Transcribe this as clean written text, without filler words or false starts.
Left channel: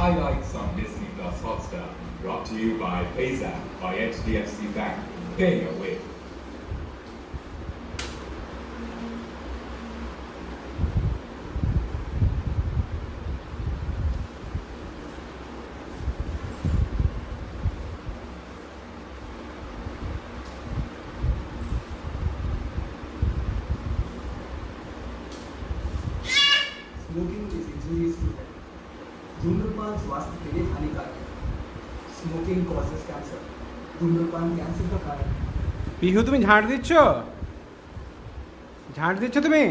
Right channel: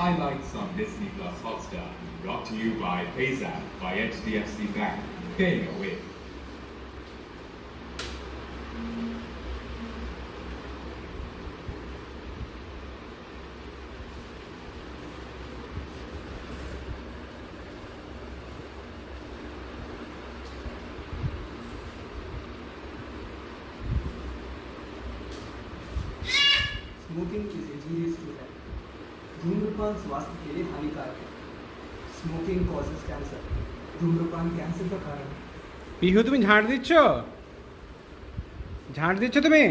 Highlights on Disney Plus Hotstar. Brought to you by PayZapp by HDFC Bank. Paying a wave. Smoking is injurious to health. धूम्रपान स्वास्थ्य के लिए हानिकारक है. Smoking causes cancer. धूम्रपान cancer का कारण है. পিহু তুমি ঝাঁট দিচ্ছ তুমি